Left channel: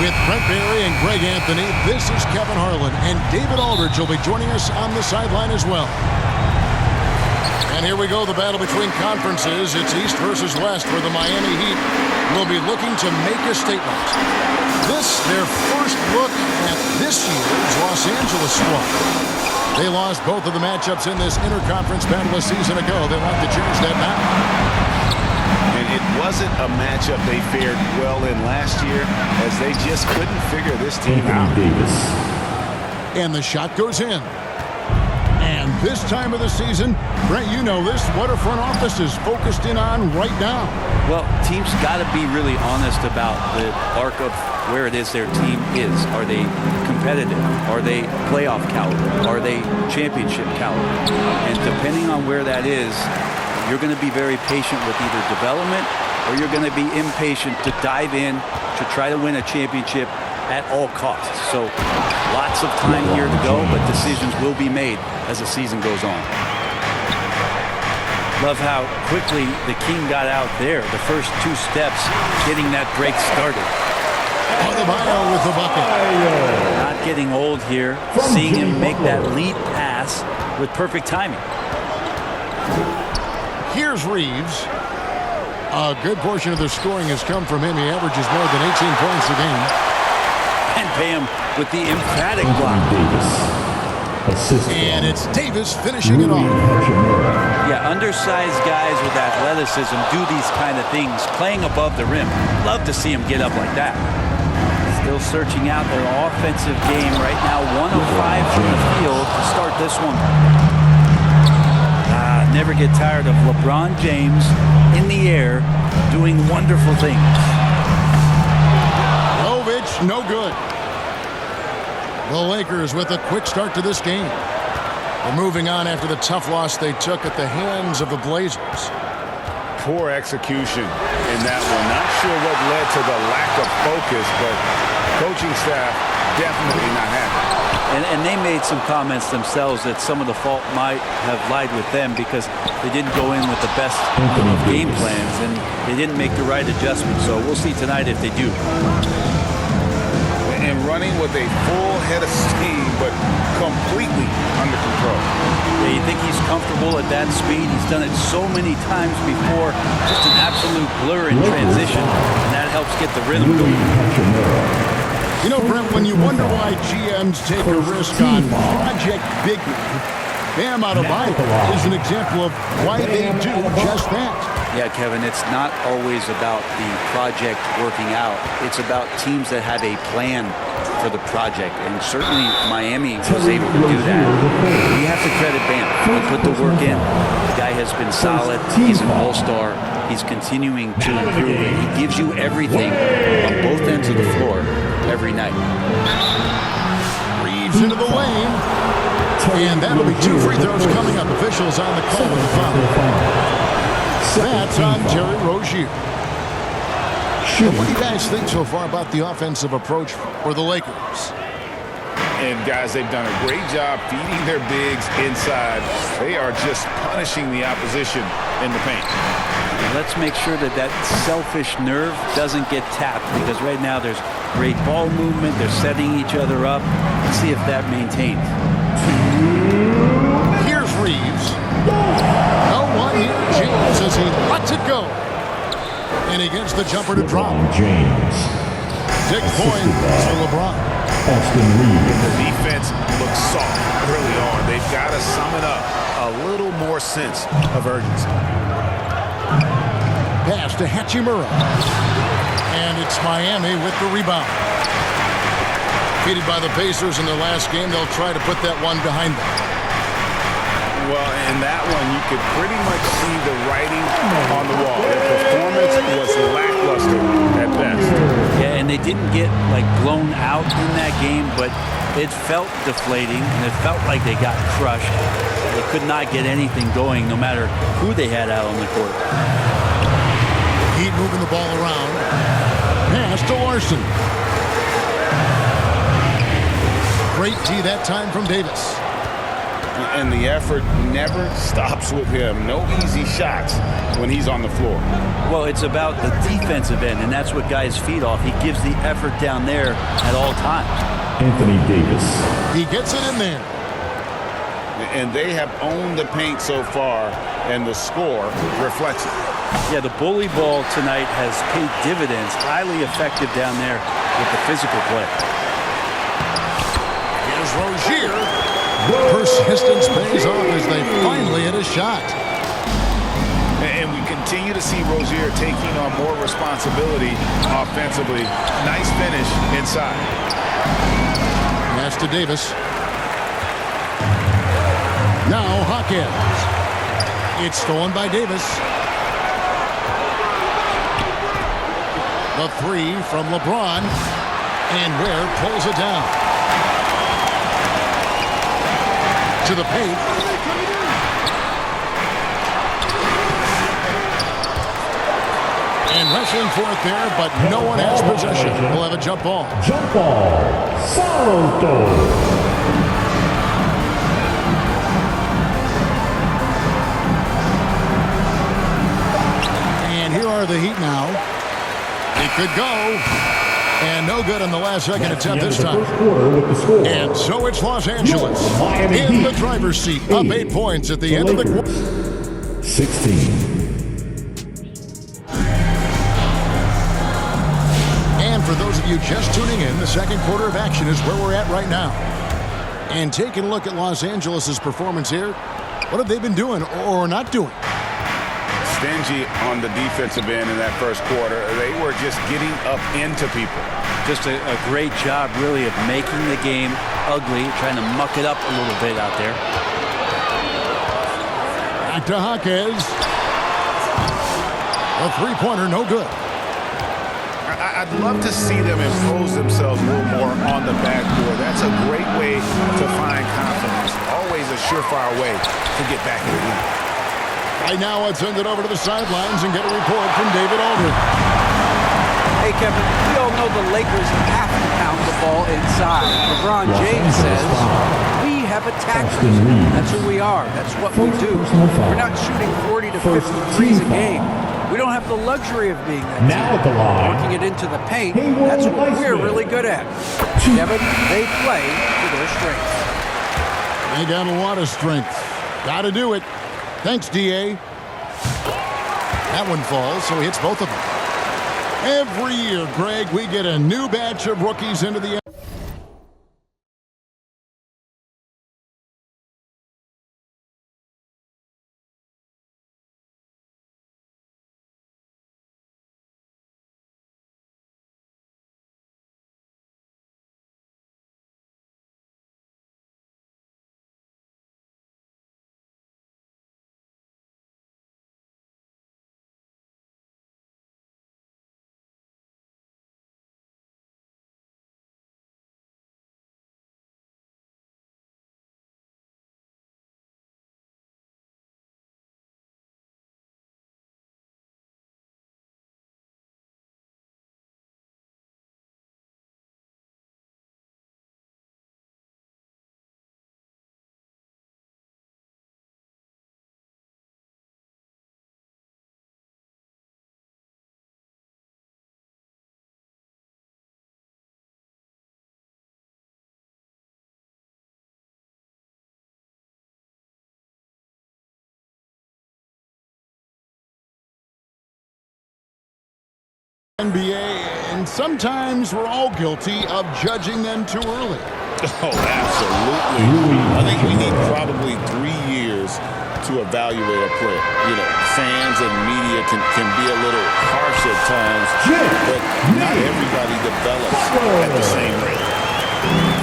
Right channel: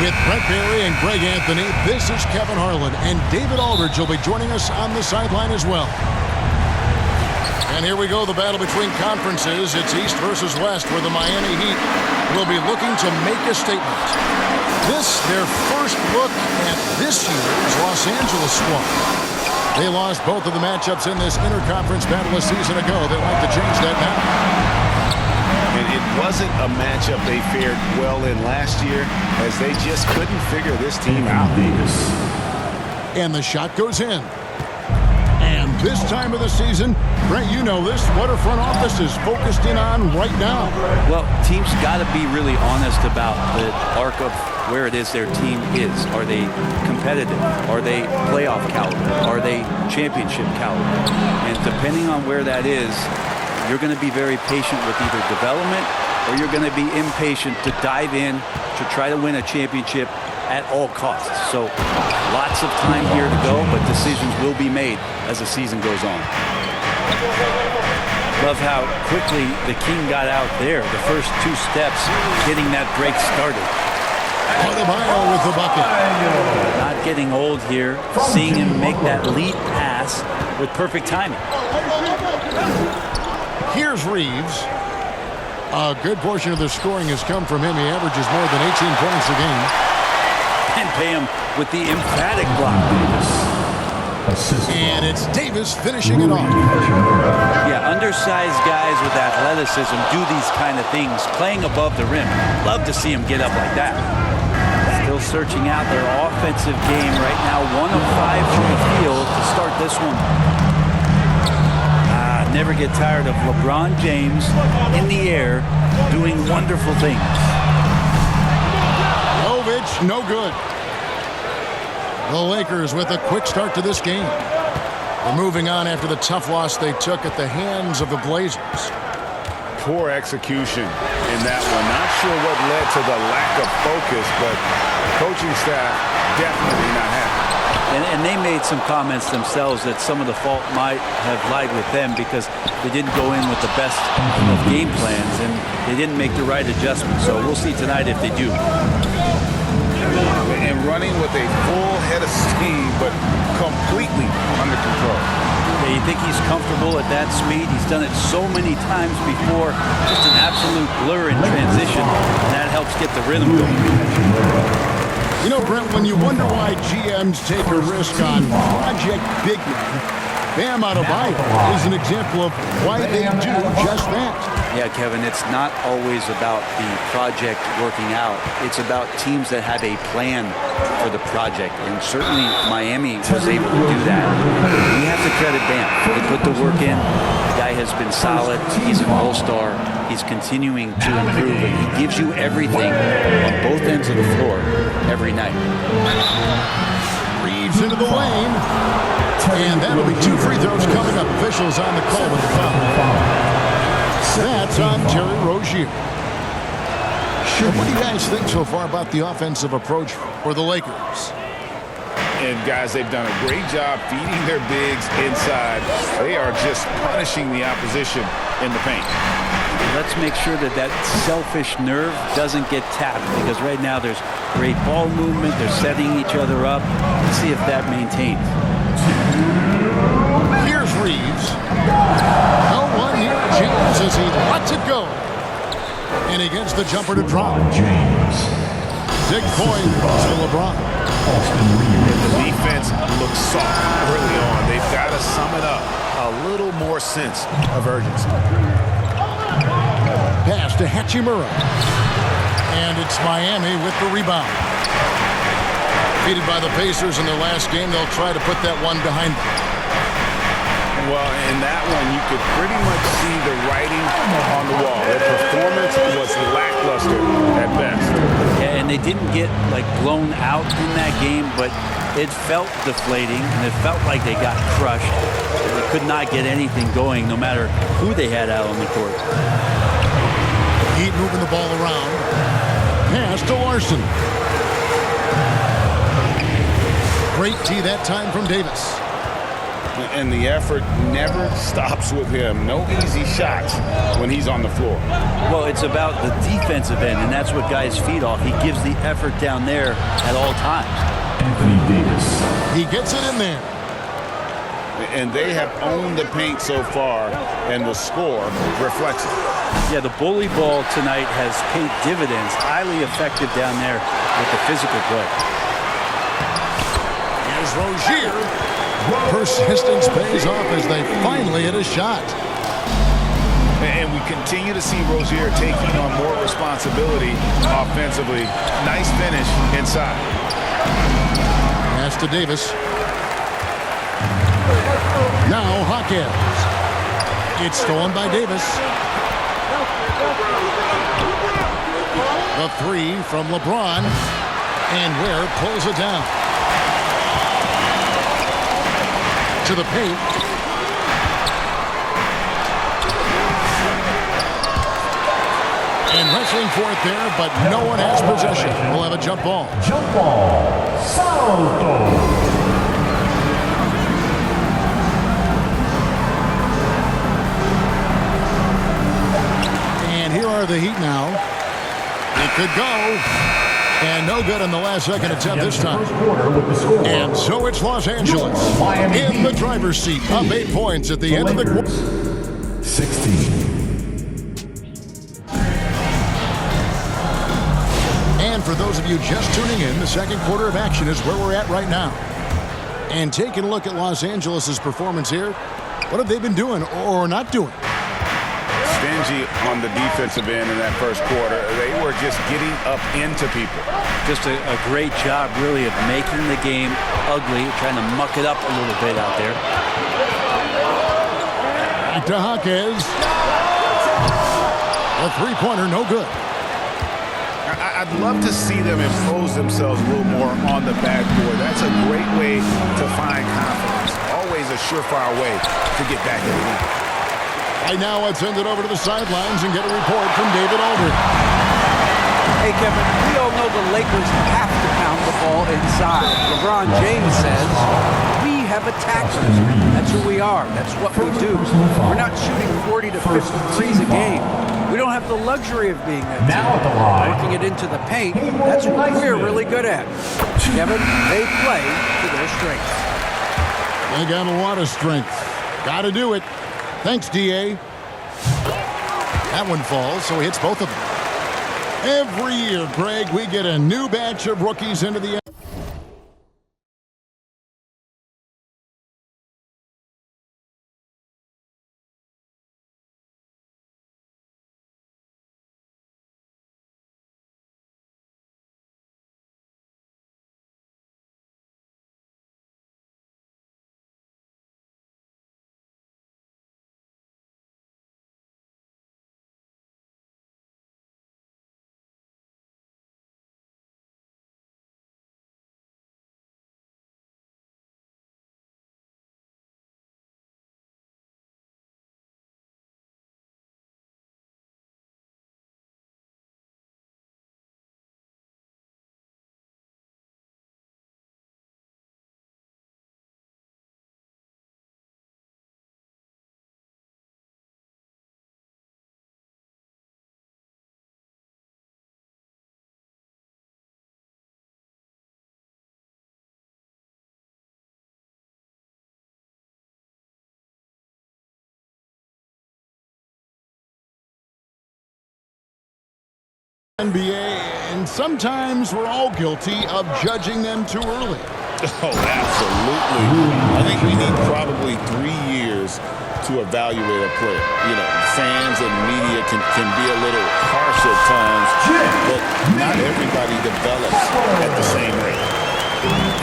With Brent Barry and Greg Anthony, this is Kevin Harlan, and David Aldridge will be joining us on the sideline as well. And here we go, the battle between conferences. It's East versus West, where the Miami Heat will be looking to make a statement. This, their first look at this year's Los Angeles squad. They lost both of the matchups in this interconference battle a season ago. They'd like to change that now. And it wasn't a matchup they fared well in last year, as they just couldn't figure this team out. Davis. And the shot goes in. And this time of the season, Brent, you know this, what our front office is focused in on right now. Well, teams got to be really honest about the arc of where it is their team is. Are they competitive? Are they playoff caliber? Are they championship caliber? And depending on where that is, you're going to be very patient with either development, or you're going to be impatient to dive in to try to win a championship at all costs. So lots of time here to go, but decisions will be made as the season goes on. Love how quickly the King got out there. The first two steps getting that break started. Adebayo with the bucket. Not getting old here. Seeing him make that lead pass with perfect timing. Here's Reeves. A good portion of the scoring has come from him. He averages more than 18 points a game. And pay him with the emphatic block. And it's Davis finishing it off. Yeah, undersized guys with athleticism do these kind of things, playing above the rim. Love to see him get up like that. Still searching out their offensive game right now. 1 of 5 from the field to start this one. Never get tired of LeBron James in the air doing wonderful things. Jovic, no good. The Lakers with a quick start to this game. They're moving on after the tough loss they took at the hands of the Blazers. Poor execution in that one. Not sure what led to the lack of focus, but coaching staff definitely not happy. And they made some comments themselves that some of the fault might have lied with them because they didn't go in with the best of game plans and they didn't make the right adjustments. So we'll see tonight if they do. And running with a full head of steam, but completely under control. Yeah, you think he's comfortable at that speed? He's done it so many times before. Just an absolute blur in transition, and that helps get the rhythm going. You know, Brent, when you wonder why GMs take a risk on project big men, Bam Adebayo is an example of why they do just that. Yeah, Kevin, it's not always about the project working out. It's about teams that have a plan for the project, and certainly Miami was able to do that. We have to credit Bam. He put the work in. The guy has been solid. He's an all-star. He's continuing to improve, and he gives you everything on both ends of the floor every night. Reeves into the lane, and that'll be 2 free throws coming up. Officials on the call with the foul. That's on Terry Rozier. What do you guys think so far about the offensive approach for the Lakers? And guys, they've done a great job feeding their bigs inside. They are just punishing the opposition in the paint. Let's make sure that that selfish nerve doesn't get tapped, because right now there's great ball movement. They're setting each other up. Let's see if that maintains. Here's Reeves. No one near James as he lets it go. And he gets the jumper to drop. James. 6 points for LeBron. Austin Reeves. And the defense looks soft early on. They've got to sum it up. A little more sense of urgency. Pass to Hachimura. And it's Miami with the rebound. Defeated by the Pacers in their last game, they'll try to put that one behind them. Well, in that one, you could pretty much see the writing on the wall. Their performance was lackluster at best. Yeah, and they didn't get, like, blown out in that game, but it felt deflating, and it felt like they got crushed. They could not get anything going, no matter who they had out on the court. Heat moving the ball around. Pass to Larson. Great tee that time from Davis. And the effort never stops with him. No easy shots when he's on the floor. Well, it's about the defensive end, and that's what guys feed off. He gives the effort down there at all times. Anthony Davis. He gets it in there. And they have owned the paint so far, and the score reflects it. Yeah, the bully ball tonight has paid dividends. Highly effective down there with the physical play. Here's Rozier. Persistence pays off as they finally hit a shot. And we continue to see Rozier taking on more responsibility offensively. Nice finish inside. Pass to Davis. Now Hawkins. It's stolen by Davis. The three from LeBron. And Ware pulls it down. To the paint. And wrestling for it there, but no one has possession. We'll have a jump ball. Jump ball. Salto. And here are the Heat now. It could go. And no good in the last second attempt this time. And so it's Los Angeles in the driver's seat, up 8 points at the end of the quarter. 16. And for those of you just tuning in, the second quarter of action is where we're at right now. And taking a look at Los Angeles' performance here, what have they been doing or not doing? Stingy on the defensive end in that first quarter. They were just getting up into people. Just a great job, really, of making the game ugly, trying to muck it up a little bit out there. Back to Hawkins. A three-pointer, no good. I'd love to see them impose themselves a little more on the backboard. That's a great way to find confidence. Always a surefire way to get back in the game. Right now, let's send it over to the sidelines and get a report from David Aldridge. Hey, Kevin, we all know the Lakers have to pound the ball inside. LeBron James says, we have attackers. That's who we are. That's what we do. We're not shooting 40 to 50 threes a game. We don't have the luxury of being that Now at the line. Working it into the paint, that's what we're really good at. Kevin, they play to their strengths. They got a lot of strength. Got to do it. Thanks, D.A. That one falls, so he hits both of them. Every year, Greg, we get a new batch of rookies into the NBA, and sometimes we're all guilty of judging them too early. Oh, absolutely. I think we need probably 3 years to evaluate a player. You know, fans and media can be a little harsh at times, but not everybody develops at the same rate.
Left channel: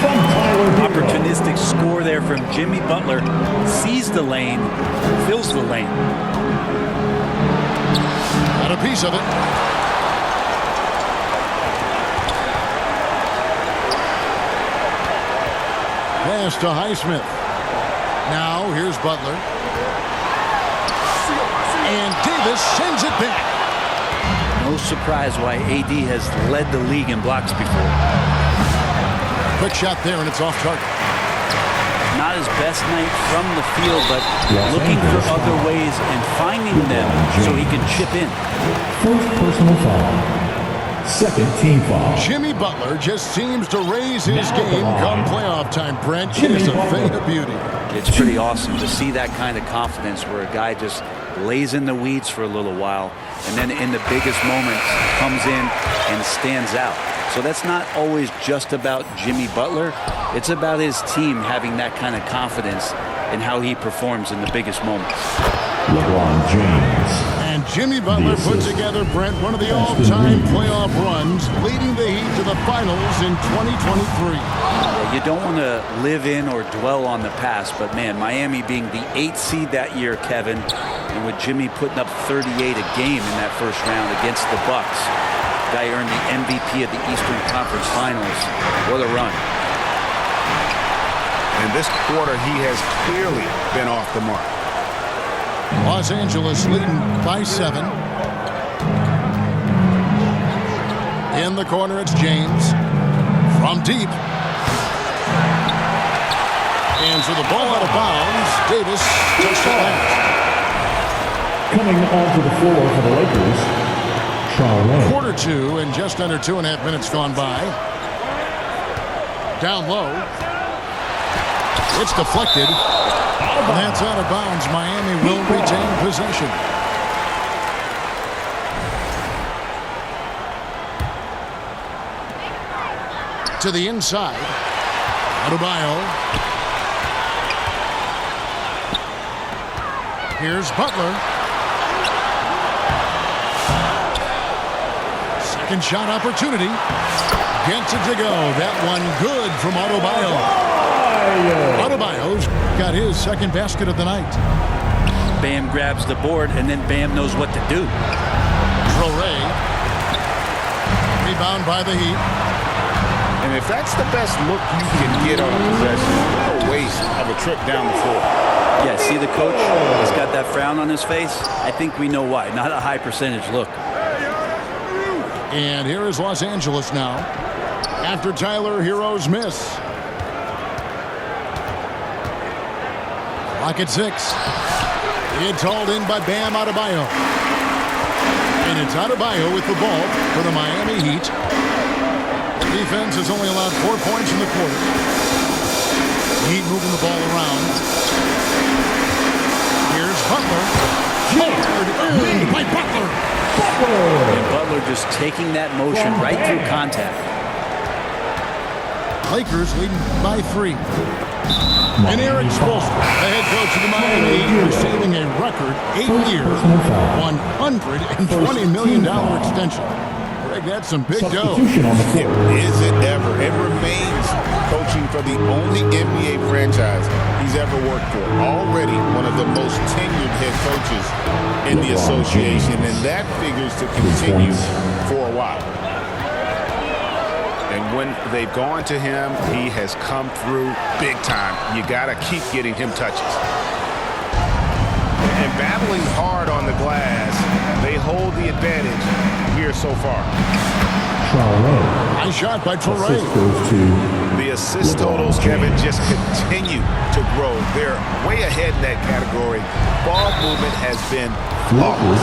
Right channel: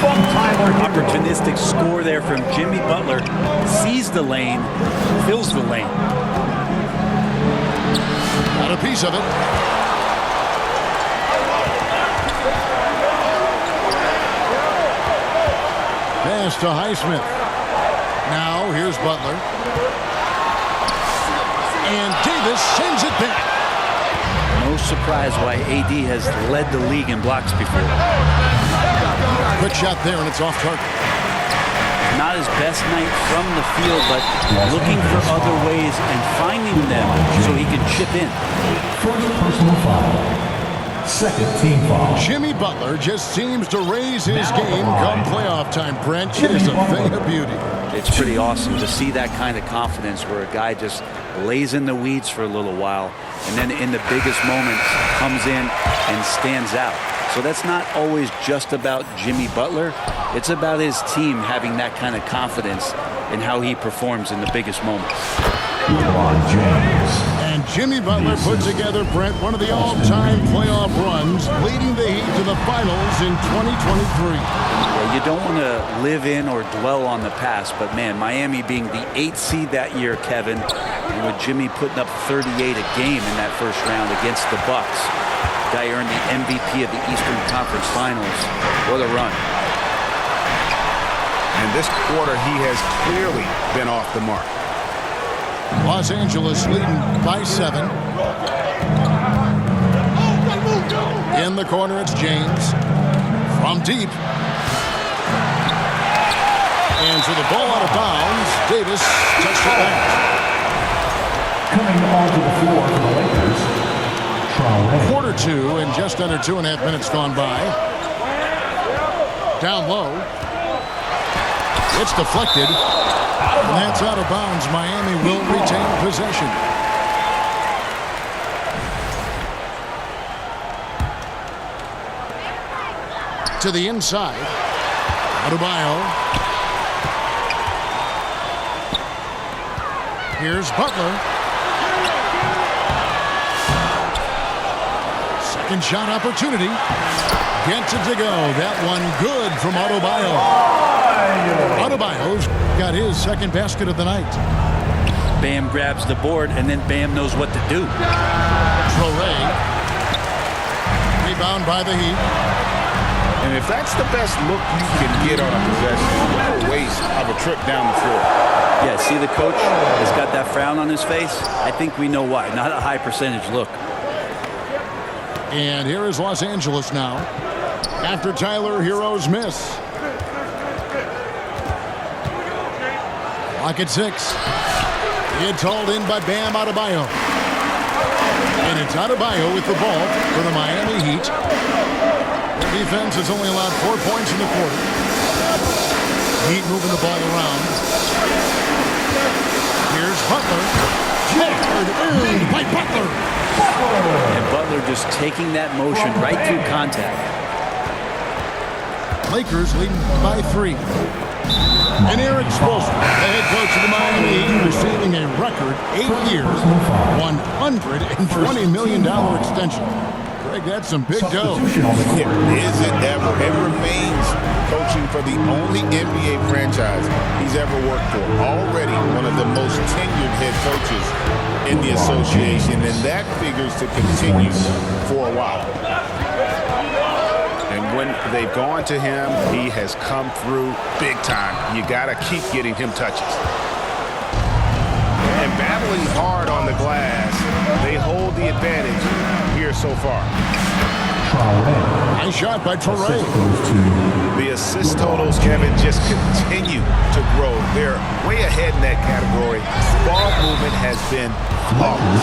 From Tyler Hero. Opportunistic score there from Jimmy Butler. Sees the lane, fills the lane. Got a piece of it. Pass to Highsmith. Now here's Butler. And Davis sends it back. No surprise why AD has led the league in blocks before. Quick shot there, and it's off target. not his best night from the field, but looking for other ways and finding them so he can chip in. First personal foul. Second team foul. Jimmy Butler just seems to raise his game come playoff time, Brent. It is a thing of beauty. It's pretty awesome to see that kind of confidence where a guy just lays in the weeds for a little while and then in the biggest moments comes in and stands out. So that's not always just about Jimmy Butler. It's about his team having that kind of confidence in how he performs in the biggest moments. LeBron James. And Jimmy Butler put together, Brent, one of the all-time playoff runs, leading the Heat to the finals in 2023. Yeah, you don't want to live in or dwell on the past, but man, Miami being the 8th seed that year, Kevin, and with Jimmy putting up 38 a game in that first round against the Bucks. Guy earned the MVP of the Eastern Conference Finals. What a run. And this quarter, he has clearly been off the mark. Los Angeles leading by 7. In the corner, it's James. From deep. And so the ball out of bounds. Davis touched it last. Coming onto the floor for the Lakers, Traoré. Quarter 2 and just under 2.5 minutes gone by. Down low. It's deflected. And that's out of bounds. Miami will retain possession. To the inside. Adebayo. Here's Butler. Second shot opportunity. Gets it to go. That one good from Adebayo. Adebayo's got his second basket of the night. Bam grabs the board, and then Bam knows what to do. Traoré. Rebound by the Heat. And if that's the best look you can get on a possession, what a waste of a trip down the floor. Yeah, see the coach has got that frown on his face? I think we know why. Not a high percentage look. And here is Los Angeles now. After Tyler Herro's miss. Clock at 6. It's hauled in by Bam Adebayo. And it's Adebayo with the ball for the Miami Heat. Their defense has only allowed 4 points in the quarter. Heat moving the ball around. Here's Butler. Hard earned by Butler. And Butler just taking that motion right through contact. Lakers leading by 3. And Eric Spoelstra, the head coach of the Miami Heat, receiving a record 8-year, $120 million extension. Greg, that's some big dough. Is it ever? It remains coaching for the only NBA franchise he's ever worked for. Already one of the most tenured head coaches in the association, and that figures to continue for a while. And when they've gone to him, he has come through big time. You got to keep getting him touches. And battling hard on the glass, they hold the advantage here so far. Traoré. Nice shot by Traoré. Goes to The assist totals, Kevin, just continue to grow. They're way ahead in that category. Ball movement has been flawless.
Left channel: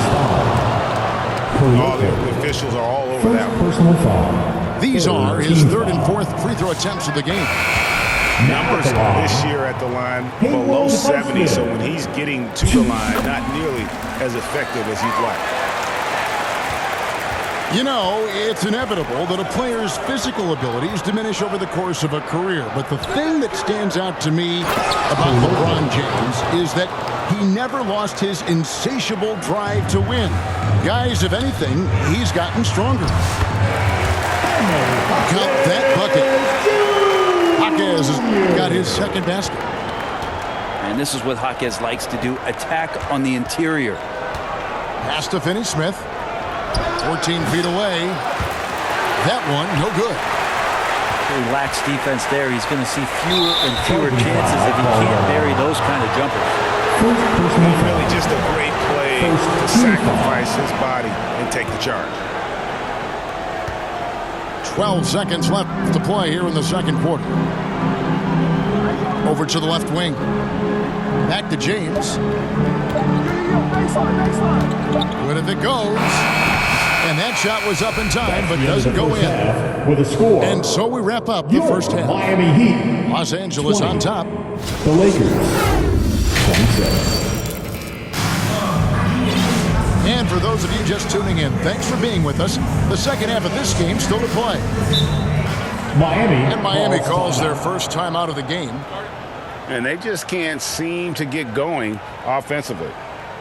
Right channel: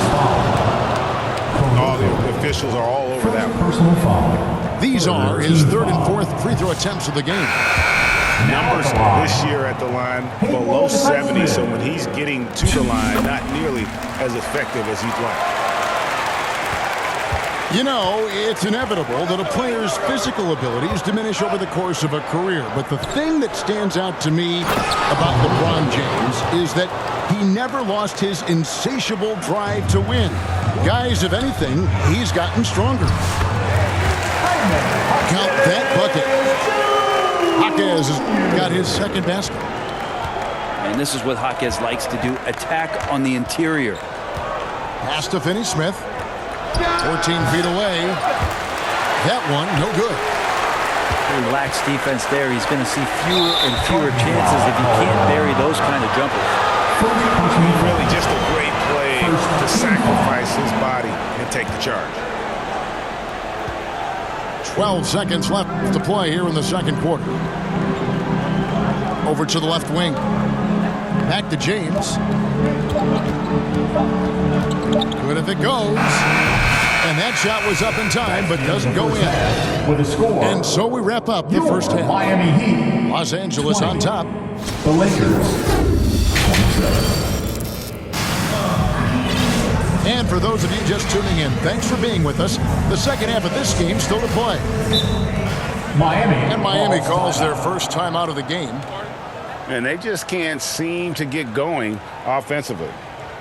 Oh, the officials are all over that one. Personal foul. These are his third and fourth free throw attempts of the game. Numbers this year at the line below 70, so when he's getting to the line, not nearly as effective as he'd like. You know, it's inevitable that a player's physical abilities diminish over the course of a career. But the thing that stands out to me about LeBron James is that he never lost his insatiable drive to win. Guys, if anything, he's gotten stronger. Count that bucket. Jaquez has got his second basket. And this is what Jaquez likes to do, attack on the interior. Pass to Finney-Smith. 14 feet away. That one, no good. Pretty lax defense there. He's going to see fewer and fewer chances if he can't bury those kind of jumpers. Really just a great play to sacrifice his body and take the charge. 12 seconds left to play here in the second quarter. Over to the left wing. Back to James. Good if it goes. And that shot was up in time, but doesn't go in. With a score. And so we wrap up the first half. Miami Heat. Los Angeles 20. on top. The Lakers. 27. And for those of you just tuning in, thanks for being with us. The second half of this game still to play. Miami calls their first time out of the game. And they just can't seem to get going offensively.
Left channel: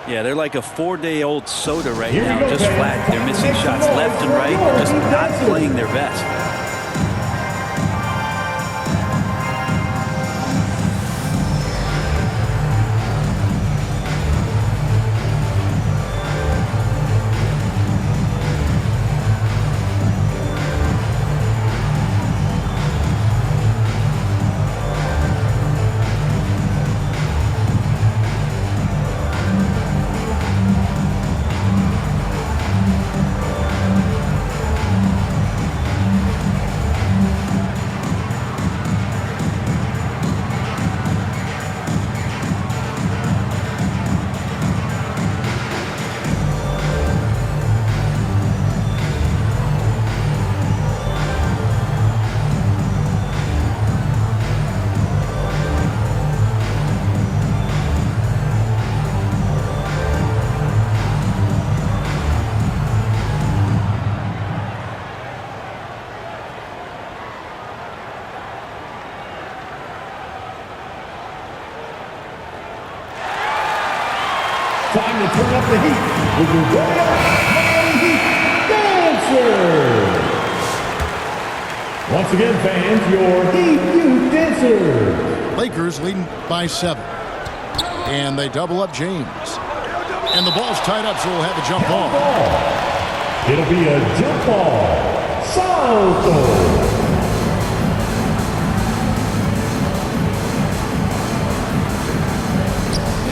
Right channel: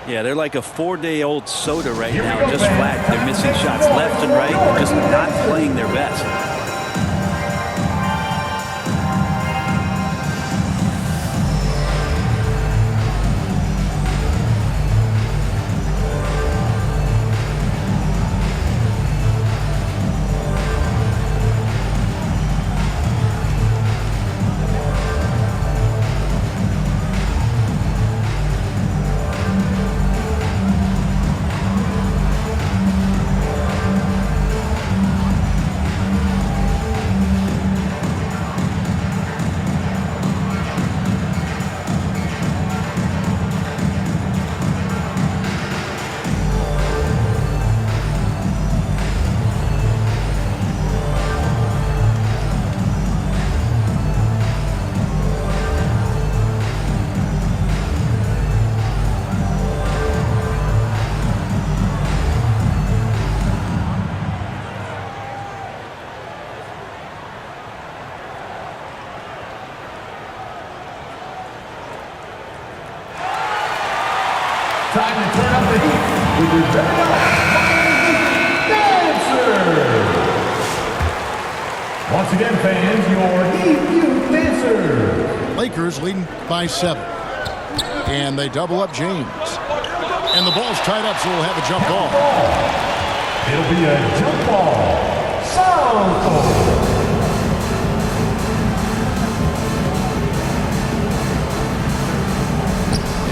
Yeah, they're like a 4-day-old soda right now, just flat. They're missing shots left and right and just not playing their best. Time to turn up the heat with your very own Miami Heat Dancers. Once again, fans, your Heat Youth Dancers. Lakers leading by 7. And they double up James. And the ball's tied up, so we'll have a jump ball. It'll be a jump ball. Salto.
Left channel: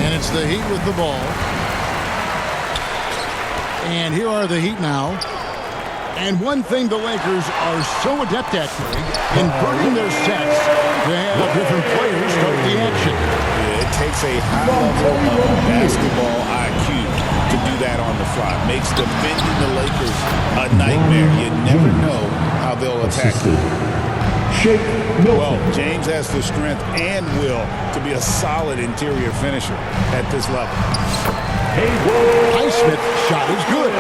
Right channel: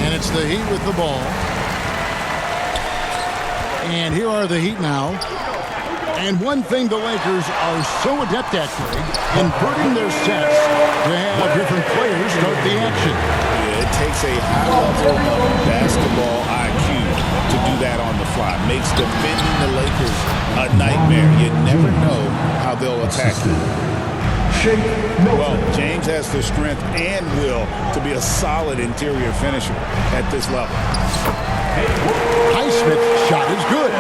And it's the Heat with the ball. And here are the Heat now. And one thing the Lakers are so adept at, Greg, inverting their sets to have different players start the action. Yeah, it takes a high level of basketball IQ to do that on the fly. Makes defending the Lakers a nightmare. You never know how they'll attack you. Shake Milton. Well, James has the strength and will to be a solid interior finisher at this level. Highsmith's shot is good.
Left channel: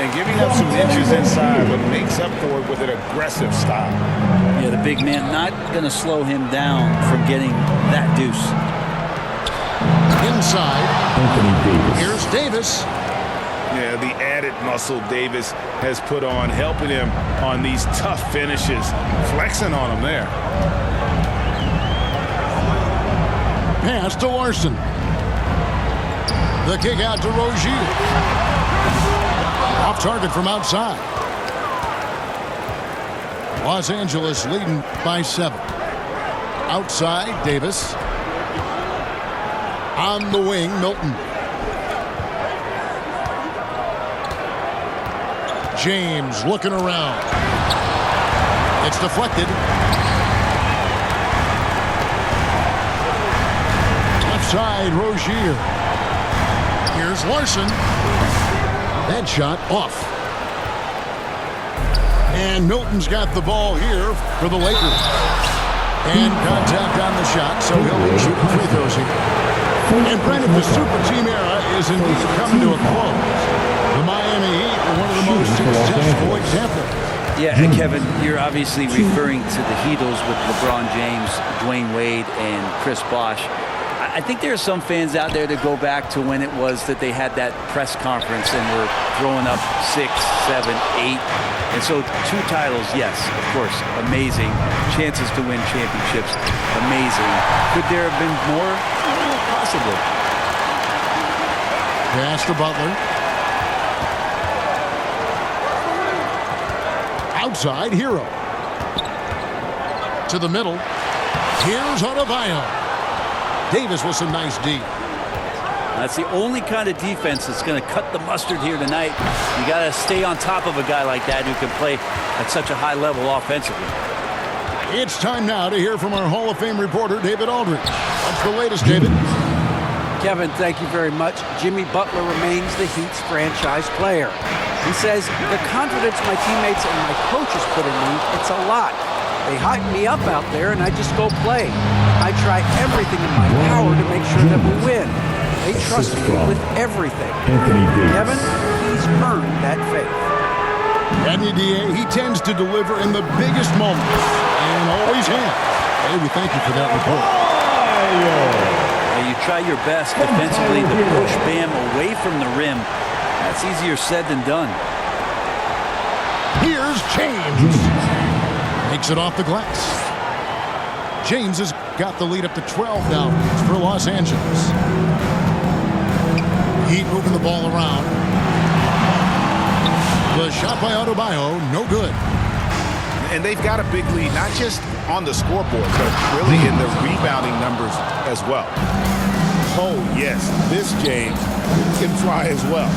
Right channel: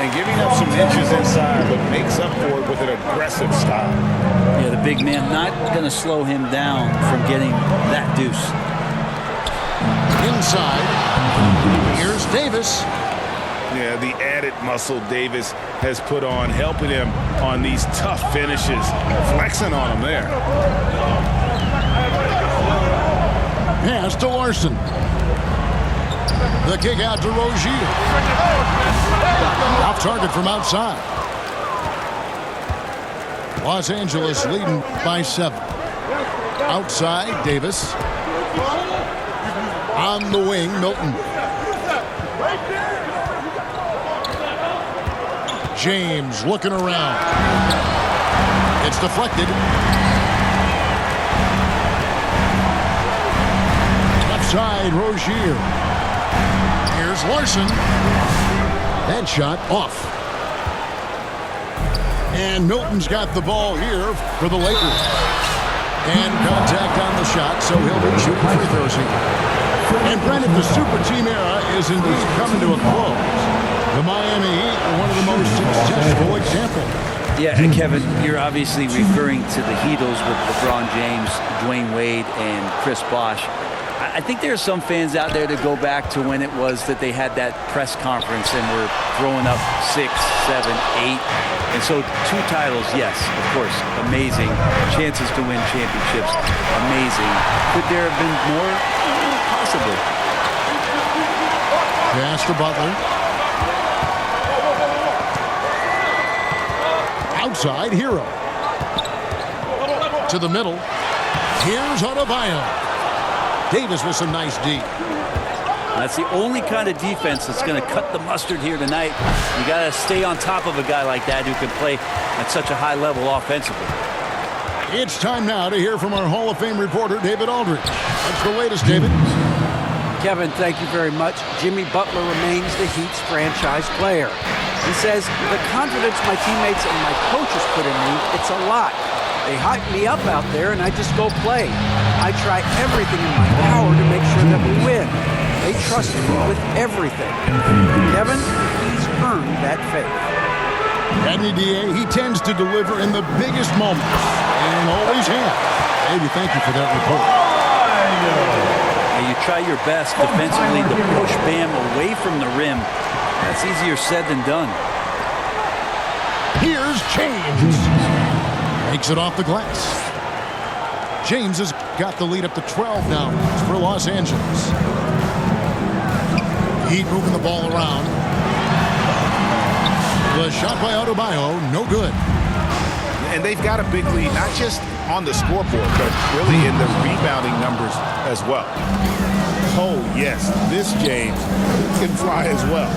And giving up some inches inside, but makes up for it with an aggressive style. Yeah, the big man not going to slow him down from getting that deuce. Inside. Anthony Davis. Here's Davis. Yeah, the added muscle Davis has put on, helping him on these tough finishes, flexing on him there. Pass to Larson. The kick out to Rozier. Off target from outside. Los Angeles leading by 7. Outside, Davis. On the wing, Milton. James looking around. It's deflected. Left side, Rozier. Here's Larson. That shot off. And Milton's got the ball here for the Lakers. And contact on the shot, so he'll be shooting free throws here. And Brandon, the super team era is indeed coming to a close. The Miami Heat are one of the most successful examples. Yeah, and Kevin, you're obviously referring to the Heatles with LeBron James, Dwayne Wade, and Chris Bosh. I think there are some fans out there that go back to when it was that they had that press conference and were throwing up 6, 7, 8. And so 2 titles, yes, of course, amazing. Chances to win championships, amazing. Could there have been more? Possibly. Pass to Butler. Outside, Hero. To the middle. Here's Adebayo. Davis with some nice D. That's the only kind of defense that's going to cut the mustard here tonight. You got to stay on top of a guy like that who can play at such a high level offensively. It's time now to hear from our Hall of Fame reporter, David Aldridge. What's the latest, David? Kevin, thank you very much. Jimmy Butler remains the Heat's franchise player. He says, the confidence my teammates and my coaches put in me, it's a lot. They hype me up out there and I just go play. I try everything in my power to make sure that we win. They trust me with everything. Kevin, he's earned that faith. Anthony Davis, he tends to deliver in the biggest moments and always has. Hey, we thank you for that report. Now you try your best defensively to push Bam away from the rim. That's easier said than done. Here's James. Makes it off the glass. James has got the lead up to 12 now for Los Angeles. Heat moving the ball around. The shot by Adebayo, no good. And they've got a big lead, not just on the scoreboard, but really in the rebounding numbers as well. Oh, yes, this James can fly as well.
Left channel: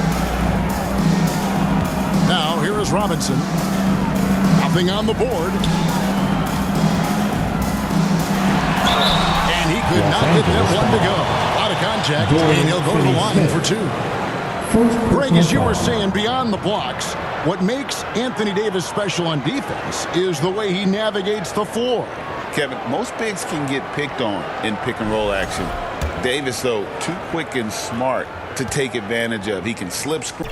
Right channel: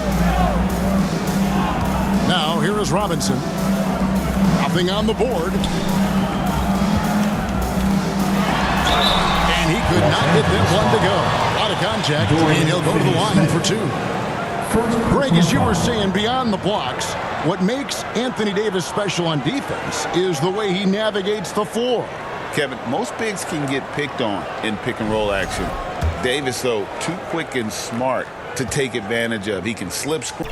Now, here is Robinson. Nothing on the board. And he could not get that one to go. A lot of contact, and he'll go to the line for two. Greg, as you were saying, beyond the blocks, what makes Anthony Davis special on defense is the way he navigates the floor. Kevin, most bigs can get picked on in pick-and-roll action. Davis, though, too quick and smart to take advantage of. He can slip screen.